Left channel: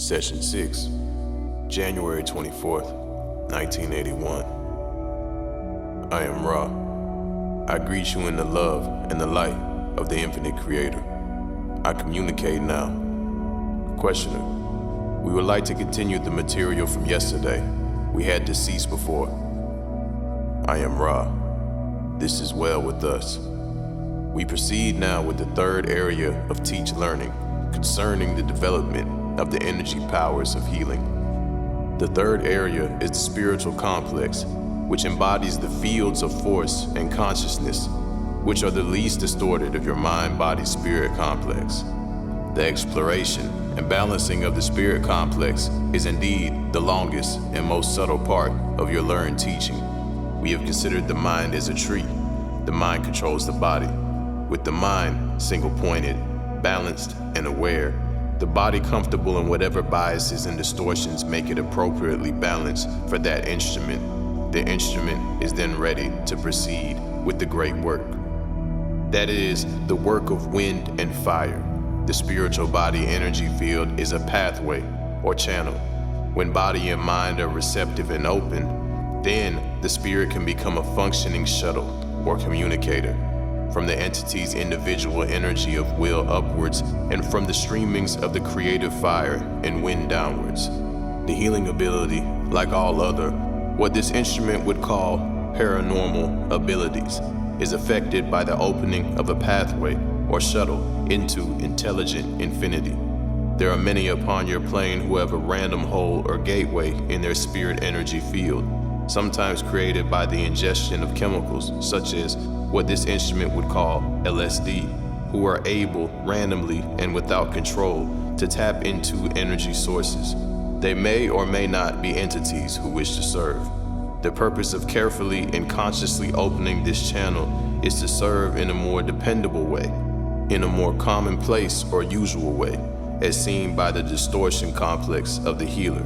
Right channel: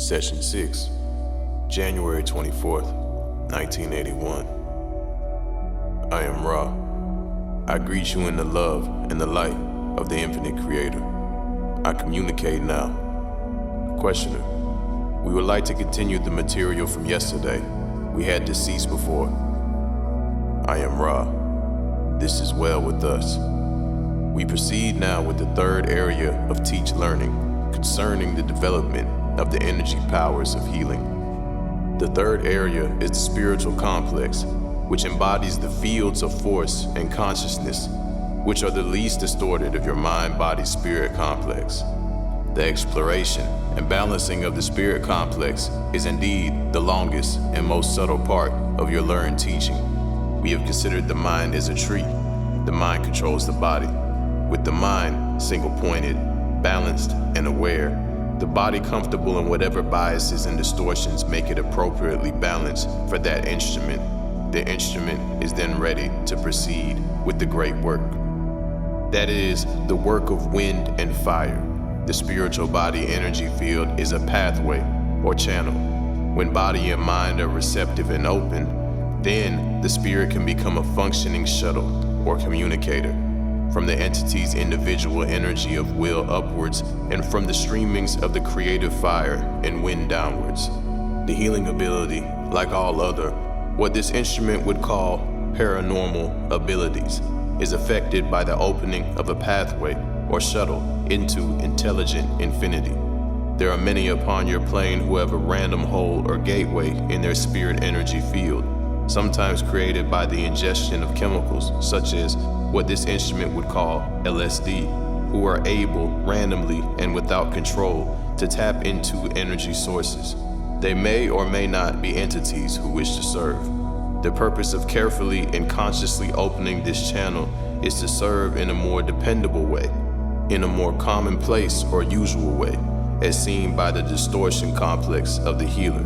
Session 6, January 24th, 1981. I am Ra. I greet you in the love and the light of the infinite creator. I communicate now. Questioner, we would like to continue the material from yesterday. We had deceased before. I am Ra. This is well with us. We proceed now with the third area of teach learning concerning the development of the energy powers of healing. The third area is the spiritual complex, which embodies the fields of force and consciousness, which are the least distorted of your mind-body-spirit complex. The exploration and balancing of the spirit complex is indeed the longest and most subtle part of your learned teaching. We have considered the mind as a tree. The mind controls the body. With the mind single-pointed, balanced, and aware, the body comfortable in whatever biases and distortions make it appropriately balanced for that instrument. The instrument is then ready to proceed with the great work. That is the work of wind and fire. The spiritual body energy field is a pathway or channel. When body and mind are receptive and open, then the spirit can become a functioning shuttle or communicator from the entity's individual energy of will upwards and from the streamings of the creative fire and wind downwards. The healing ability, like all other, what this instrument would call paranormal abilities, is affected by the opening of a pathway or shuttle into intelligent infinity. There are many upon your plane who have a random hole or gateway in their spirit energy field, sometimes created by the ingestion of chemicals such as what this instrument would call LSD, who are able randomly and without control to tap into energy sources. They may or may not be entities who wish to serve. The purpose of carefully and consciously opening this channel is to serve in a more dependable way, in a more commonplace or usual way, as seen by the distortion complex of the healer.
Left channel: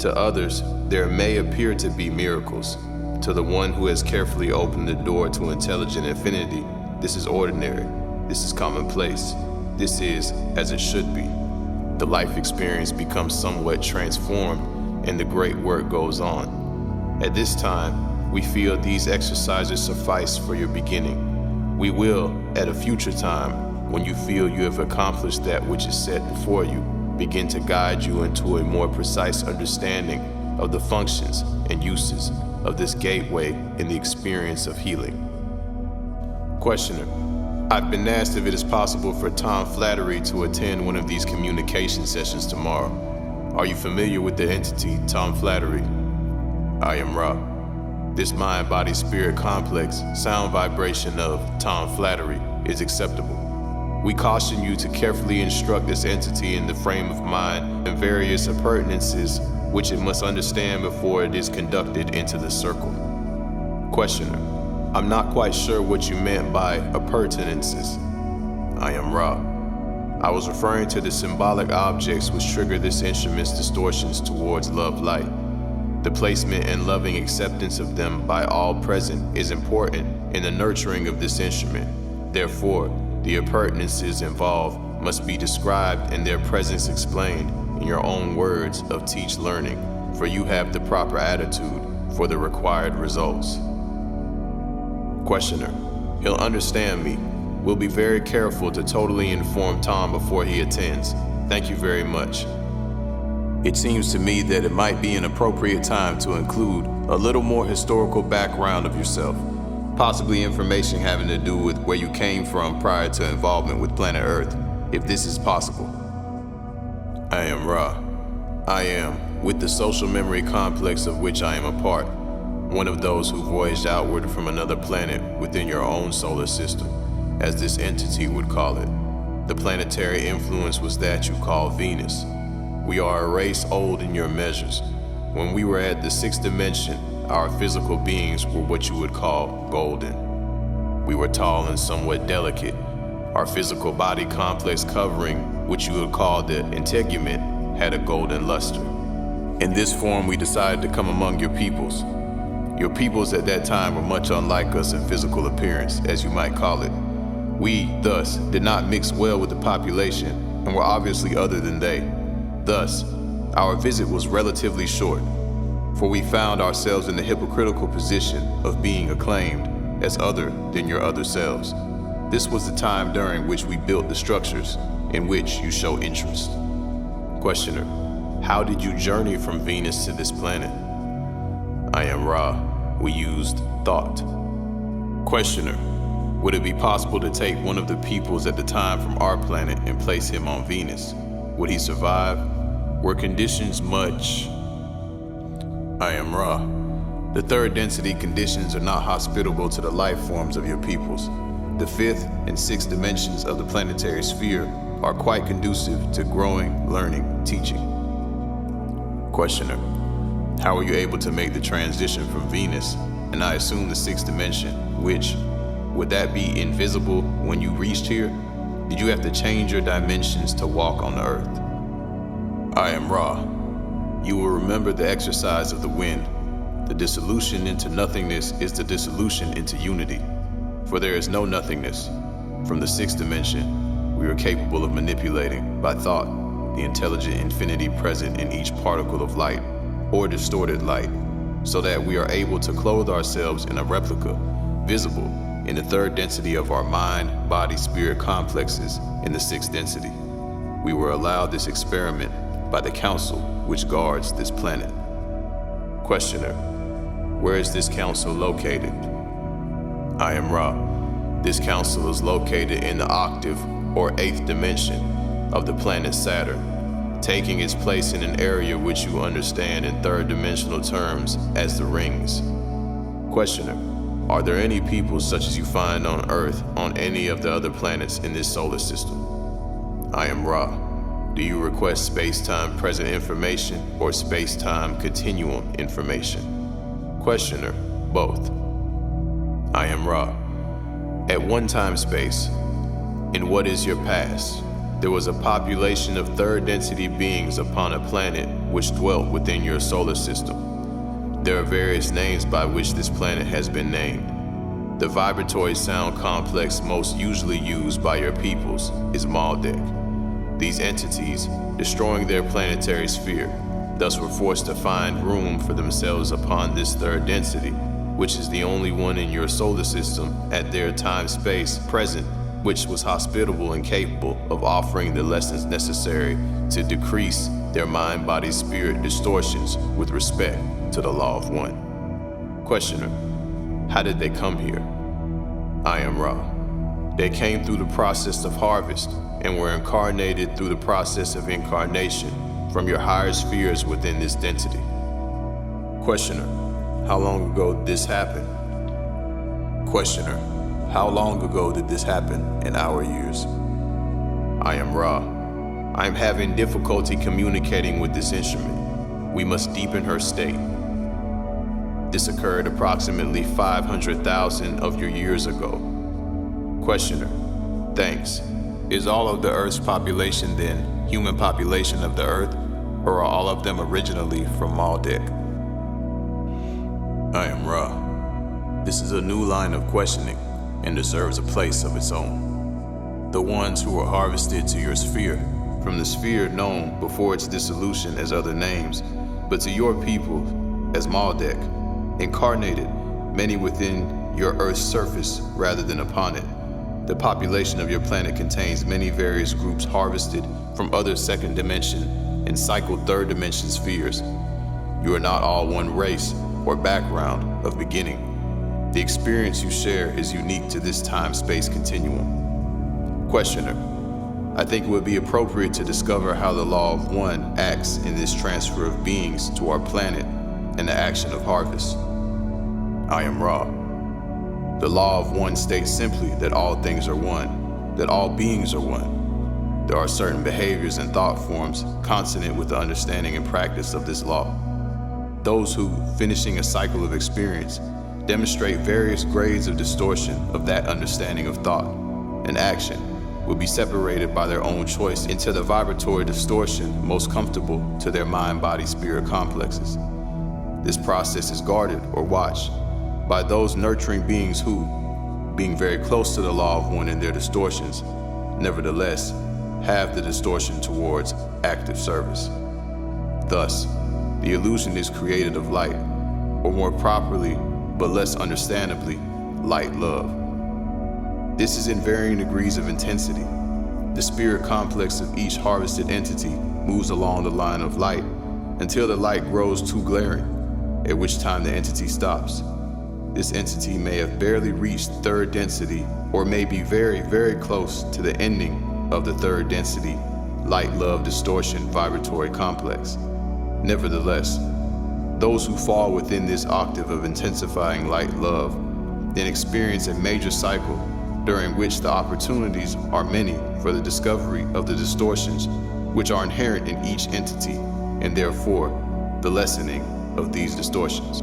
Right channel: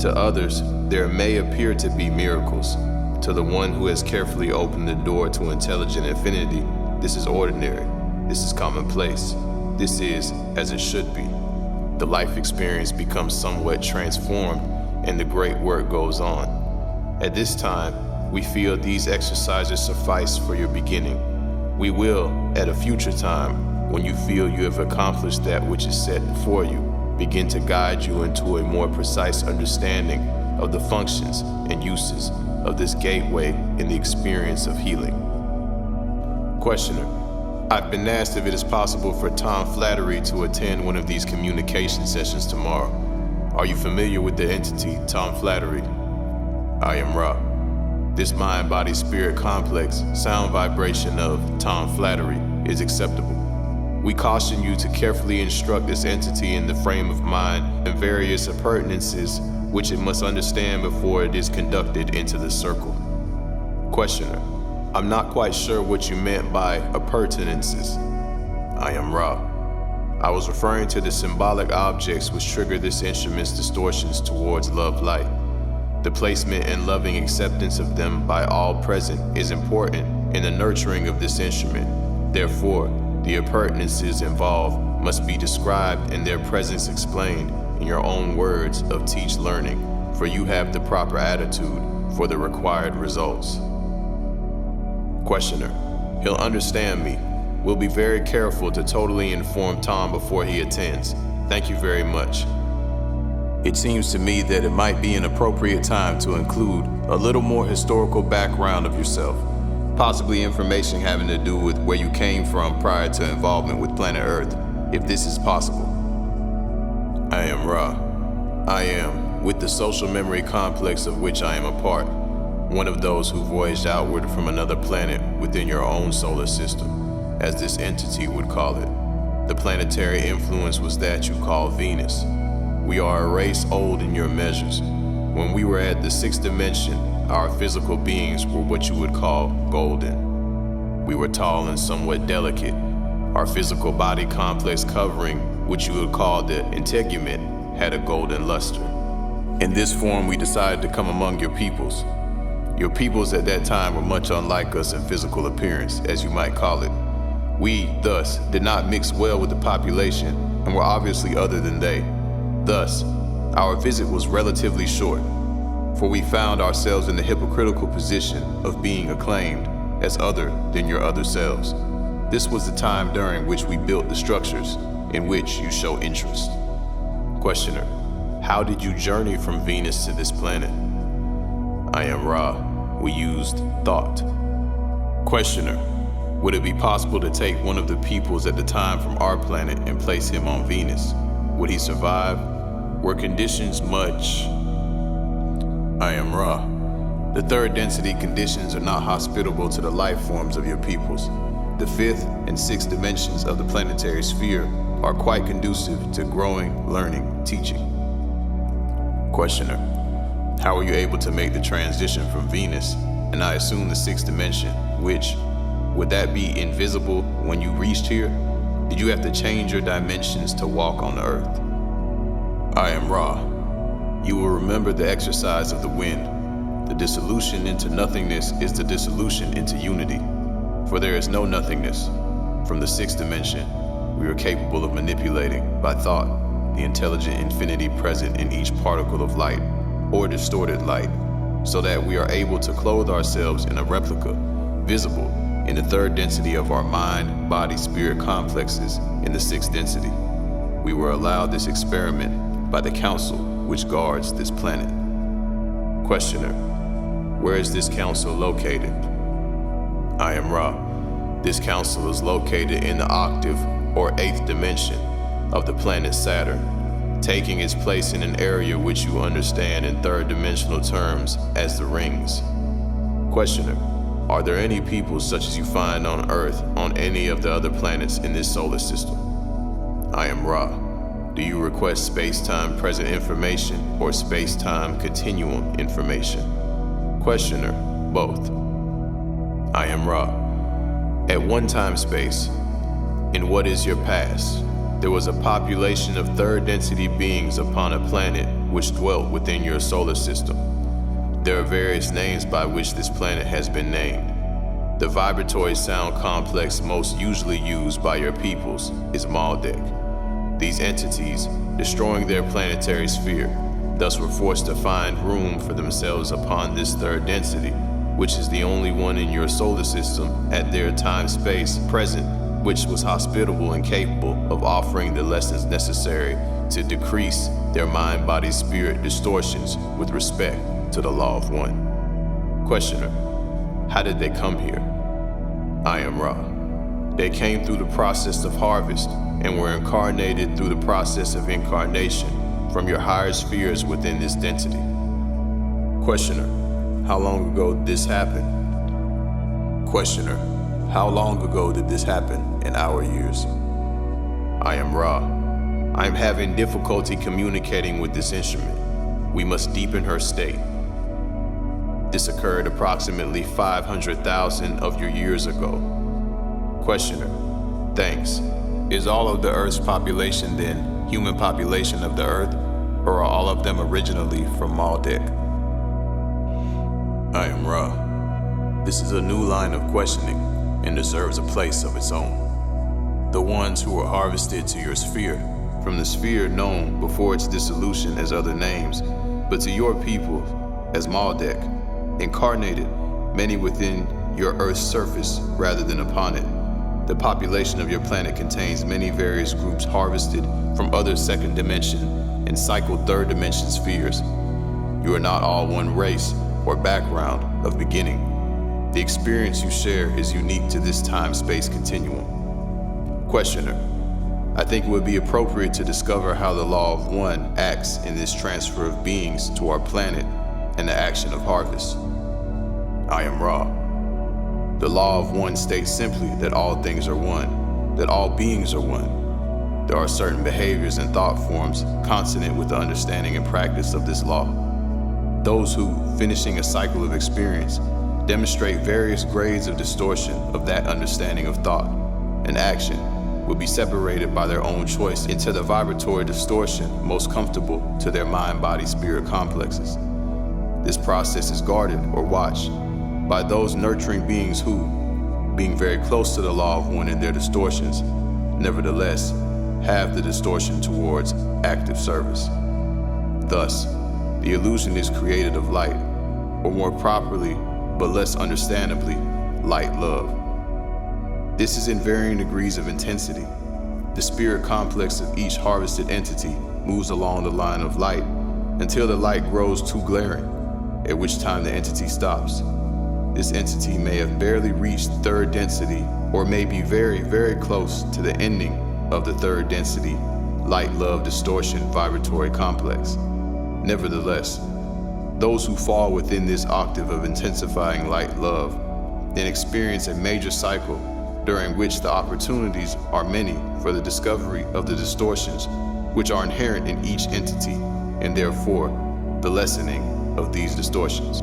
To others, there may appear to be miracles. To the one who has carefully opened the door to intelligent infinity, this is ordinary, this is commonplace, this is as it should be. The life experience becomes somewhat transformed and the great work goes on. At this time, we feel these exercises suffice for your beginning. We will, at a future time, when you feel you have accomplished that which is set before you, begin to guide you into a more precise understanding of the functions and uses of this gateway in the experience of healing. Questioner, I've been asked if it is possible for Tom Flattery to attend one of these communication sessions tomorrow. Are you familiar with the entity Tom Flattery? I am Ra. This mind-body-spirit complex sound vibration of Tom Flattery is acceptable. We caution you to carefully instruct this entity in the frame of mind and various appurtenances which it must understand before it is conducted into the circle. Questioner, I'm not quite sure what you meant by appurtenances. I am Ra. I was referring to the symbolic objects which trigger this instrument's distortions towards love light. The placement and loving acceptance of them by all present is important in the nurturing of this instrument. Therefore, the appurtenances involved must be described and their presence explained in your own words of teach learning, for you have the proper attitude for the required results. Questioner, he'll understand me. We'll be very careful to totally inform Tom before he attends. Thank you very much. It seems to me that it might be an appropriate time to include a little more historical background of yourself, possibly information having to do with where you came from prior to involvement with planet Earth, if this is possible. I am Ra. I am, with the social memory complex of which I am a part, one of those who voyaged outward from another planet within your own solar system, as this entity would call it. The planetary influence was that you call Venus. We are a race old in your measures. When we were at the sixth dimension, our physical beings were what you would call golden. We were tall and somewhat delicate. Our physical body complex covering, which you would call the integument, had a golden luster. In this form, we decided to come among your peoples. Your peoples at that time were much unlike us in physical appearance, as you might call it. We, thus, did not mix well with the population and were obviously other than they. Thus, our visit was relatively short, for we found ourselves in the hypocritical position of being acclaimed as other than your other selves. This was the time during which we built the structures in which you show interest. Questioner: how did you journey from Venus to this planet? I am Ra. We used thought. Questioner: would it be possible to take one of the peoples at the time from our planet and place him on Venus? Would he survive? Were conditions much? I am Ra. The third density conditions are not hospitable to the life forms of your peoples. The fifth and sixth dimensions of the planetary sphere are quite conducive to growing, learning, teaching. Questioner: how were you able to make the transition from Venus, and I assume the sixth dimension, would that be invisible when you reached here? Did you have to change your dimensions to walk on the earth? I am Ra. You will remember the exercise of the wind. The dissolution into nothingness is the dissolution into unity, for there is no nothingness. From the sixth dimension, we are capable of manipulating, by thought, the intelligent infinity present in each particle of light, or distorted light, so that we are able to clothe ourselves in a replica, visible in the third density of our mind, body, spirit complexes in the sixth density. We were allowed this experiment by the council which guards this planet. Questioner: where is this council located? I am Ra. This council is located in the octave or eighth dimension of the planet Saturn, taking its place in an area which you understand in third dimensional terms as the rings. Questioner: are there any people such as you find on Earth on any of the other planets in this solar system? I am Ra. Do you request space-time present information or space-time continuum information? Questioner: both. I am Ra. At one time space, in what is your past, there was a population of third density beings upon a planet which dwelt within your solar system. There are various names by which this planet has been named. The vibratory sound complex most usually used by your peoples is Maldek. These entities, destroying their planetary sphere, thus were forced to find room for themselves upon this third density, which is the only one in your solar system at their time-space present, which was hospitable and capable of offering the lessons necessary to decrease their mind-body-spirit distortions with respect to the law of one. Questioner: how did they come here? I am Ra. They came through the process of harvest and were incarnated through the process of incarnation from your higher spheres within this density. Questioner: how long ago did this happen? Questioner: how long ago did this happen in our years? I am Ra. I am having difficulty communicating with this instrument. We must deepen her state. This occurred approximately 500,000 of your years ago. Questioner: thanks. Is all of the Earth's population then human population of the Earth, or are all of them originally from Maldek? I am Ra. This is a new line of questioning and deserves a place of its own. The ones who were harvested to your sphere, from the sphere known before its dissolution as other names, but to your people as Maldek, incarnated, many within your Earth's surface rather than upon it. The population of your planet contains many various groups harvested from other second dimension and cycled third dimension spheres. You are not all one race or background of beginning. The experience you share is unique to this time-space continuum. Questioner: I think it would be appropriate to discover how the law of one acts in this transfer of beings to our planet and the action of harvest. I am Ra. The law of one states simply that all things are one, that all beings are one. There are certain behaviors and thought forms consonant with the understanding and practice of this law. Those who, finishing a cycle of experience, demonstrate various grades of distortion of that understanding of thought and action will be separated by their own choice into the vibratory distortion most comfortable to their mind-body-spirit complexes. This process is guarded or watched by those nurturing beings who, being very close to the law of one in their distortions, nevertheless, have the distortion towards active service. Thus, the illusion is created of light, or more properly, but less understandably, light love. This is in varying degrees of intensity. The spirit complex of each harvested entity moves along the line of light until the light grows too glaring, at which time the entity stops. This entity may have barely reached third density or may be very, very close to the ending of the third density light-love distortion vibratory complex. Nevertheless, those who fall within this octave of intensifying light-love then experience a major cycle during which the opportunities are many for the discovery of the distortions which are inherent in each entity, and therefore the lessening of these distortions.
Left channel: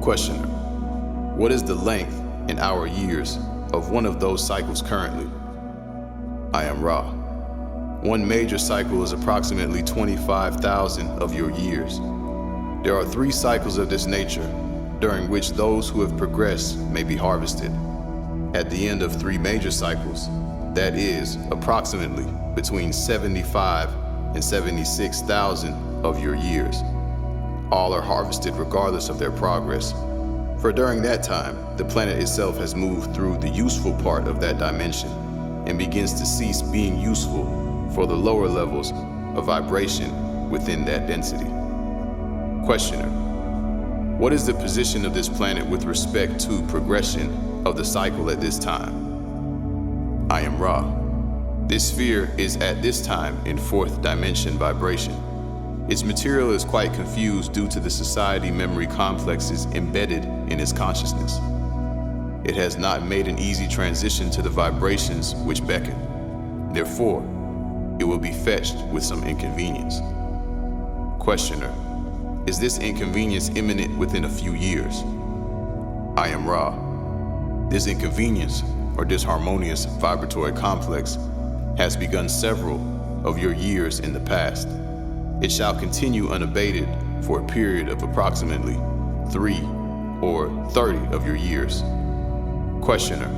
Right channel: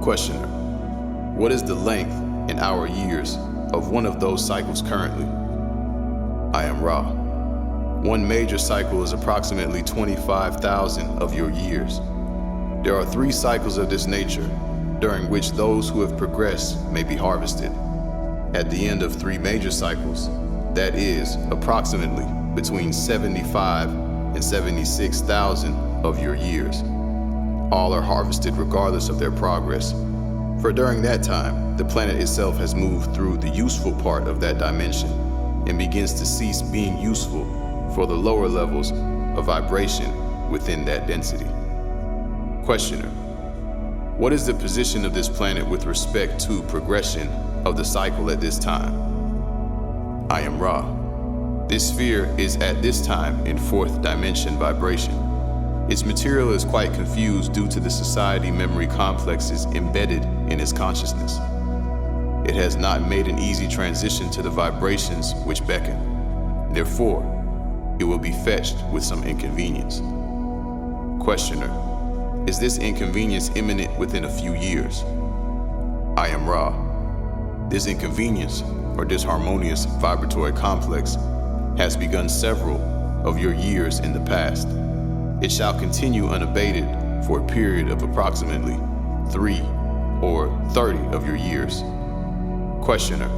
Questioner: what is the length in our years of one of those cycles currently? I am Ra. One major cycle is approximately 25,000 of your years. There are 3 cycles of this nature during which those who have progressed may be harvested. At the end of 3 major cycles, that is, approximately between 75 and 76,000 of your years, all are harvested regardless of their progress. For during that time, the planet itself has moved through the useful part of that dimension and begins to cease being useful for the lower levels of vibration within that density. Questioner: what is the position of this planet with respect to progression of the cycle at this time? I am Ra. This sphere is at this time in 4th dimension vibration. Its material is quite confused due to the society memory complexes embedded in its consciousness. It has not made an easy transition to the vibrations which beckon. Therefore, it will be fetched with some inconvenience. Questioner: is this inconvenience imminent within a few years? I am Ra. This inconvenience, or disharmonious vibratory complex, has begun several of your years in the past. It shall continue unabated for a period of approximately 3 or 30 of your years. Questioner:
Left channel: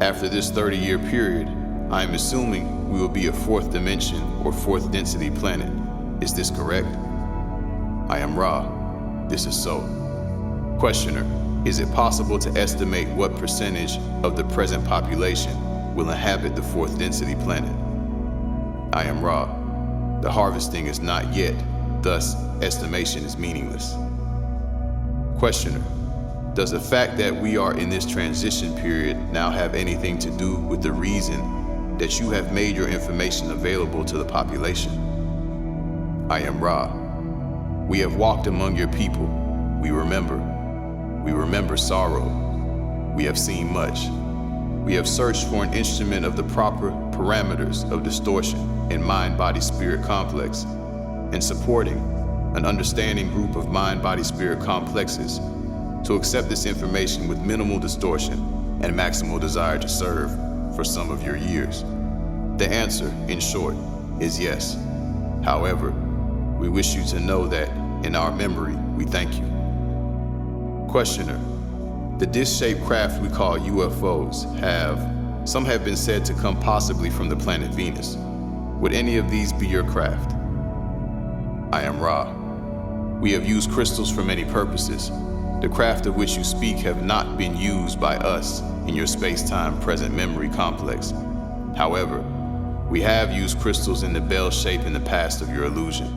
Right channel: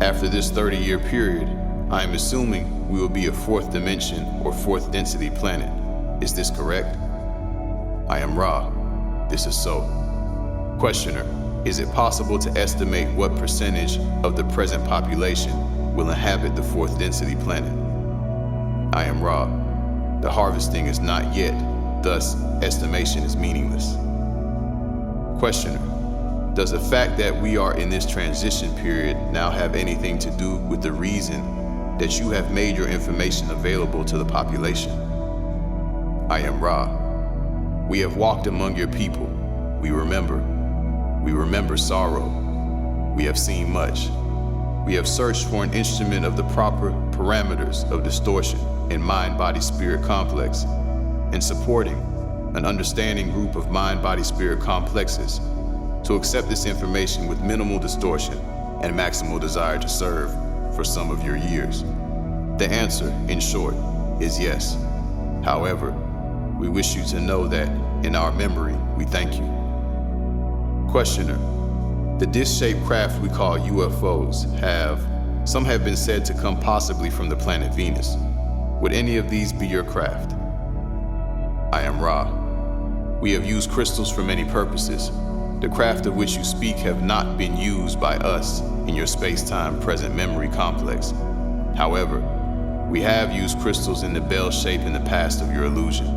after this 30-year period, I am assuming we will be a 4th dimension or 4th density planet. Is this correct? I am Ra. This is so. Questioner: is it possible to estimate what percentage of the present population will inhabit the 4th density planet? I am Ra. The harvesting is not yet, thus estimation is meaningless. Questioner: does the fact that we are in this transition period now have anything to do with the reason that you have made your information available to the population? I am Ra. We have walked among your people. We remember. We remember sorrow. We have seen much. We have searched for an instrument of the proper parameters of distortion in mind-body-spirit complex, and supporting an understanding group of mind-body-spirit complexes to accept this information with minimal distortion and maximal desire to serve for some of your years. The answer, in short, is yes. However, we wish you to know that in our memory, we thank you. Questioner: the disc-shaped craft we call UFOs some have been said to come possibly from the planet Venus. Would any of these be your craft? I am Ra. We have used crystals for many purposes. The craft of which you speak have not been used by us in your space-time present memory complex. However, we have used crystals in the bell shape in the past of your illusion.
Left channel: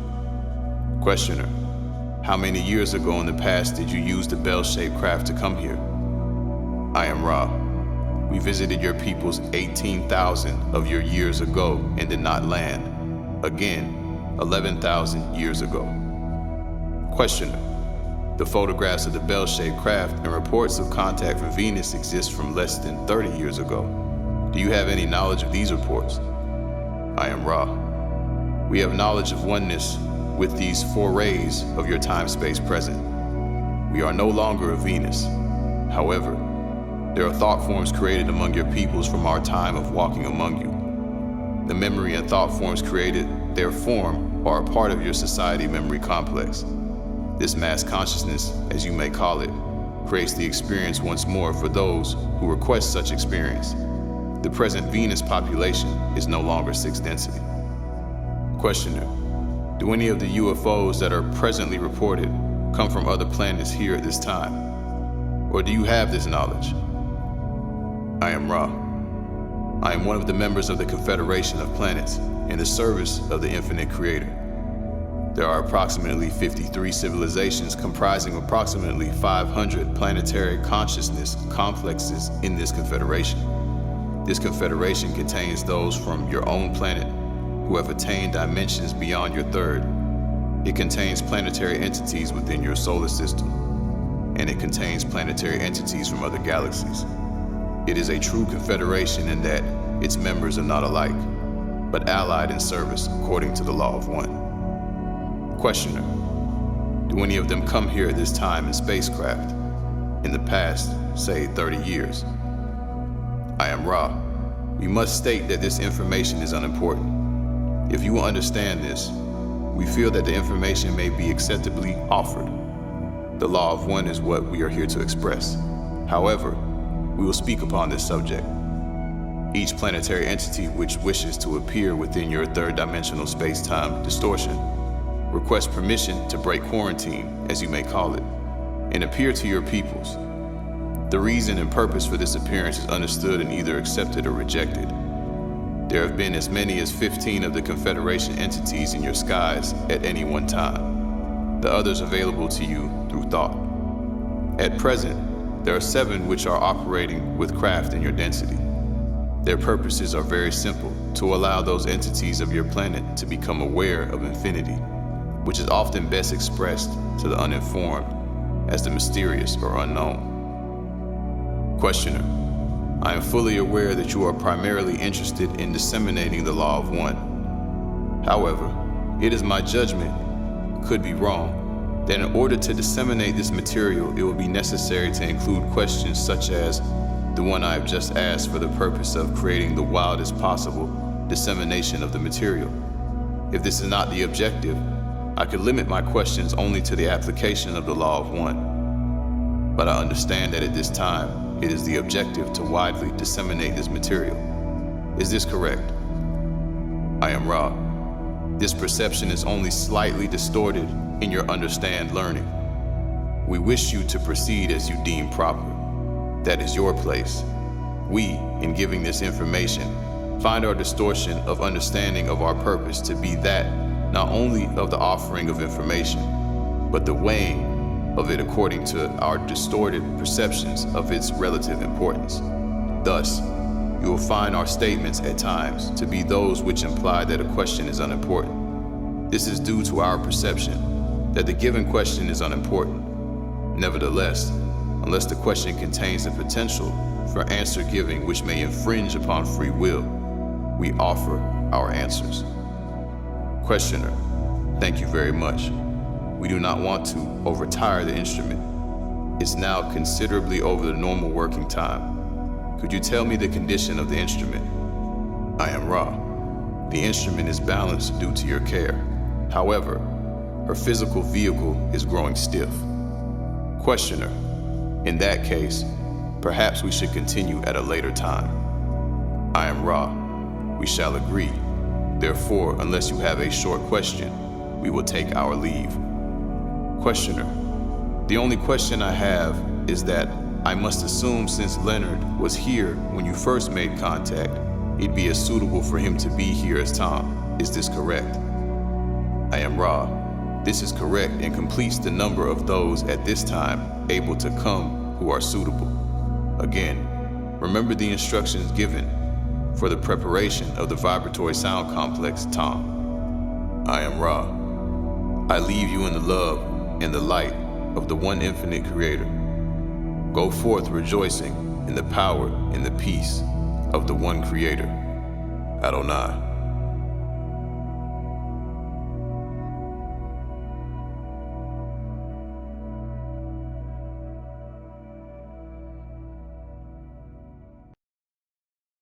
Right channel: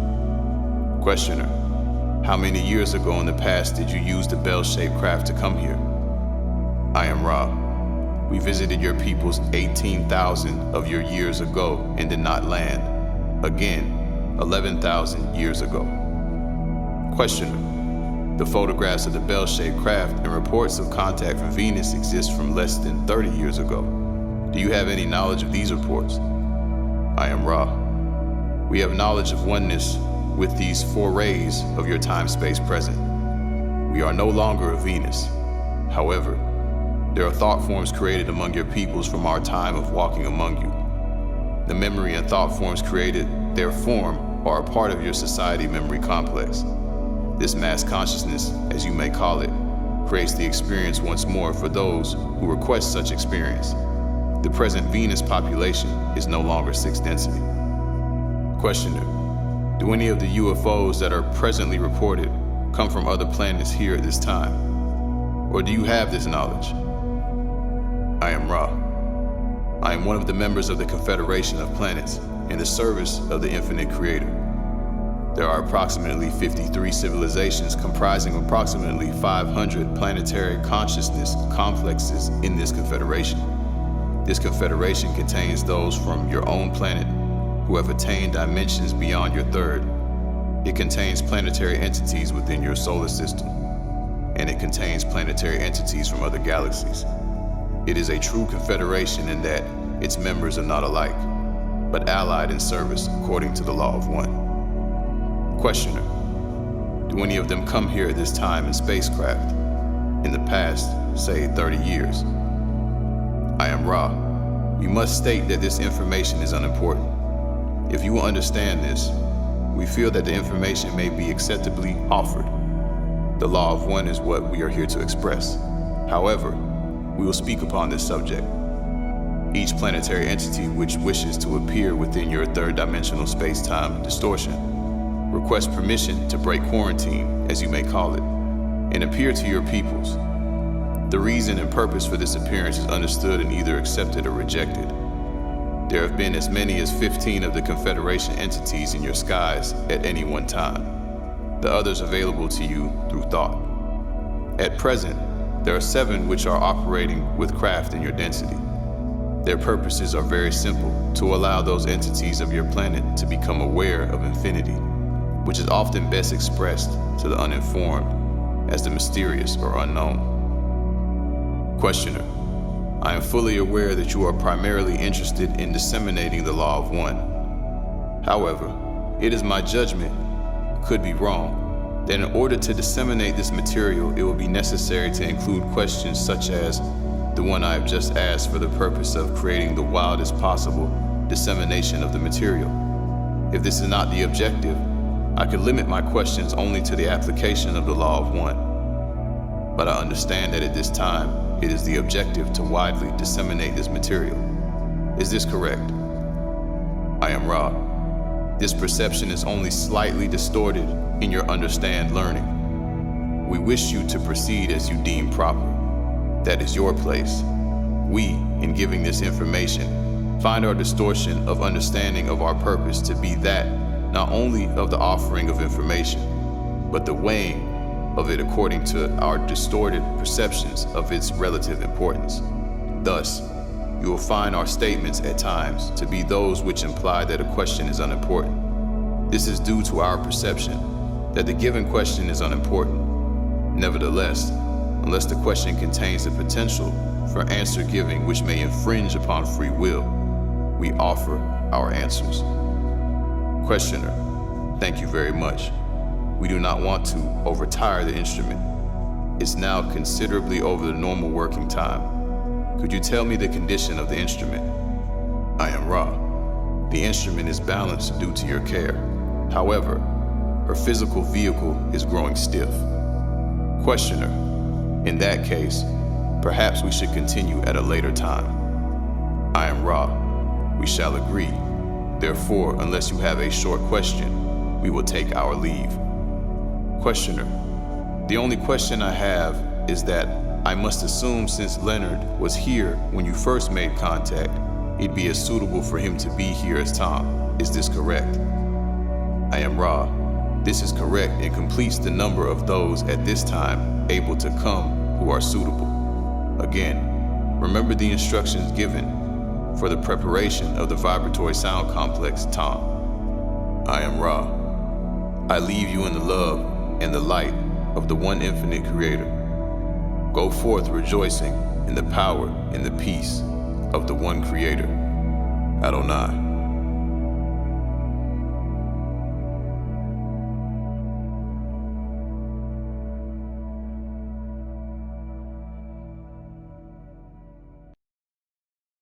Questioner: how many years ago in the past did you use the bell-shaped craft to come here? I am Ra. We visited your peoples 18,000 of your years ago and did not land. Again, 11,000 years ago. Questioner: the photographs of the bell-shaped craft and reports of contact from Venus exist from less than 30 years ago. Do you have any knowledge of these reports? I am Ra. We have knowledge of oneness with these 4 rays of your time-space present. We are no longer of Venus. However, there are thought forms created among your peoples from our time of walking among you. The memory and thought forms created, their form, are a part of your society memory complex. This mass consciousness, as you may call it, creates the experience once more for those who request such experience. The present Venus population is no longer 6 density. Questioner, do any of the UFOs that are presently reported come from other planets here at this time? Or do you have this knowledge? I am Ra. I am one of the members of the Confederation of Planets in the service of the Infinite Creator. There are approximately 53 civilizations comprising approximately 500 planetary consciousness complexes in this confederation. This confederation contains those from your own planet who have attained dimensions beyond your third. It contains planetary entities within your solar system, and it contains planetary entities from other galaxies. It is a true confederation in that its members are not alike, but allied in service according to the law of one. Questioner, do any of them come here at this time in spacecraft? In the past, say 30 years. I am Ra. We must state that this information is unimportant. If you will understand this, we feel that the information may be acceptably offered. The law of one is what we are here to express. However, we will speak upon this subject. Each planetary entity which wishes to appear within your third dimensional space-time distortion request permission to break quarantine, as you may call it, and appear to your peoples. The reason and purpose for this appearance is understood and either accepted or rejected. There have been as many as 15 of the Confederation entities in your skies at any one time, the others available to you through thought. At present, there are 7 which are operating with craft in your density. Their purposes are very simple: to allow those entities of your planet to become aware of infinity, which is often best expressed to the uninformed as the mysterious or unknown. Questioner, I am fully aware that you are primarily interested in disseminating the law of one. However, it is my judgment, could be wrong, that in order to disseminate this material, it will be necessary to include questions such as the one I have just asked, for the purpose of creating the wildest possible dissemination of the material. If this is not the objective, I could limit my questions only to the application of the law of one. But I understand that at this time, it is the objective to widely disseminate this material. Is this correct? I am Ra. This perception is only slightly distorted in your understand learning. We wish you to proceed as you deem proper. That is your place. We, in giving this information, find our distortion of understanding of our purpose to be that not only of the offering of information, but the weighing of it according to our distorted perceptions of its relative importance. Thus, you will find our statements at times to be those which imply that a question is unimportant. This is due to our perception that the given question is unimportant. Nevertheless, unless the question contains the potential for answer giving which may infringe upon free will, we offer our answers. Questioner, thank you very much. We do not want to overtire the instrument. It's now considerably over the normal working time. Could you tell me the condition of the instrument? I am Ra. The instrument is balanced due to your care. However, her physical vehicle is growing stiff. Questioner, in that case, perhaps we should continue at a later time. I am Ra. We shall agree. Therefore, unless you have a short question, we will take our leave. Questioner, the only question I have is that I must assume since Leonard was here when you first made contact, it'd be as suitable for him to be here as Tom. Is this correct? I am Ra. This is correct and completes the number of those at this time able to come who are suitable. Again, remember the instructions given for the preparation of the vibratory sound complex, Tom. I am Ra. I leave you in the love and the light of the one infinite creator. Go forth rejoicing in the power and the peace of the one creator, Adonai.